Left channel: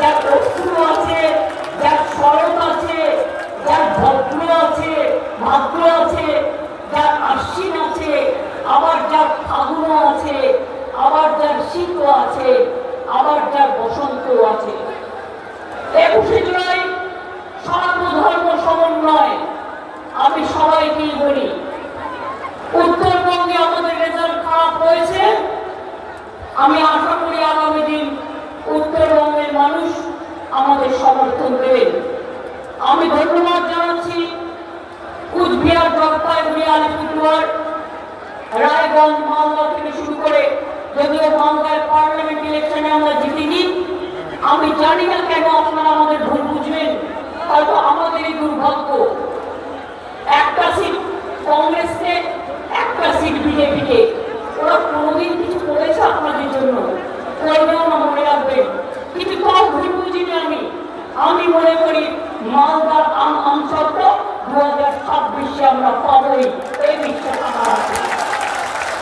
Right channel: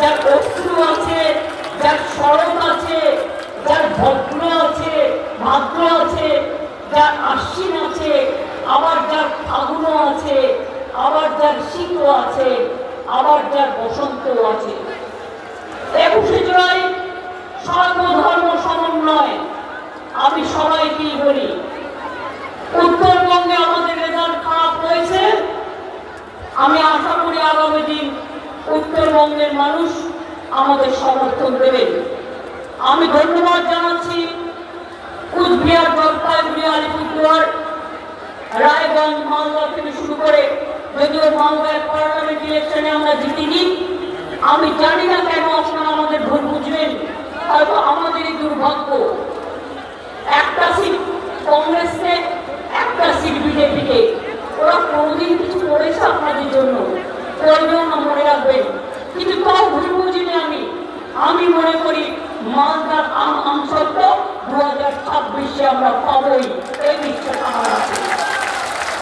যার অস্ত্র আছে, যার সড়ক আছে, যার ভদ্র আছে, ভাদ্র আছে, যার আশ্বিন আছে, আবার যার ফাগুন আছে, আবার যার শীত আছে, আবার যার বসন্ত আছে। 21শে জুলাই সর্বধর্ম সমন্বয়। আমি সবাইকেই বলি, উত্তরবঙ্গে আমাদের রেজাল্ট খারাপ হয়েছে। আমি আশা করি আগামী দিন উত্তরবঙ্গের মানুষ আমাদের সমর্থন দেবেন। আমি ধন্যবাদ জানাচ্ছি কুচবিহার, জলপাইগুড়ি, আলিপুরদুয়ার, রায়গঞ্জ, মালদা থেকে শুরু করে, যদিও মালদায় পার্লামেন্ট ইলেকশনে আমরা জিতিনি। আমি জানি না কেন আপনারা আমাদের ভুল বুঝবেন, হয়তো আমাদেরই দুর্ভাগ্য। একটা সিট কংগ্রেসকে, একটা সিট বিজেপিকে। ওরা কোনোদিন কিছু করেছে আপনাদের জন্য? করবেও না, মনে রাখবেন। কিন্তু তাও ভুল বুঝিনি আমি মনে করি মালদার আমসত্ব 2026-এ আমরা পাবই, এই বিশ্বাস আমার আছে।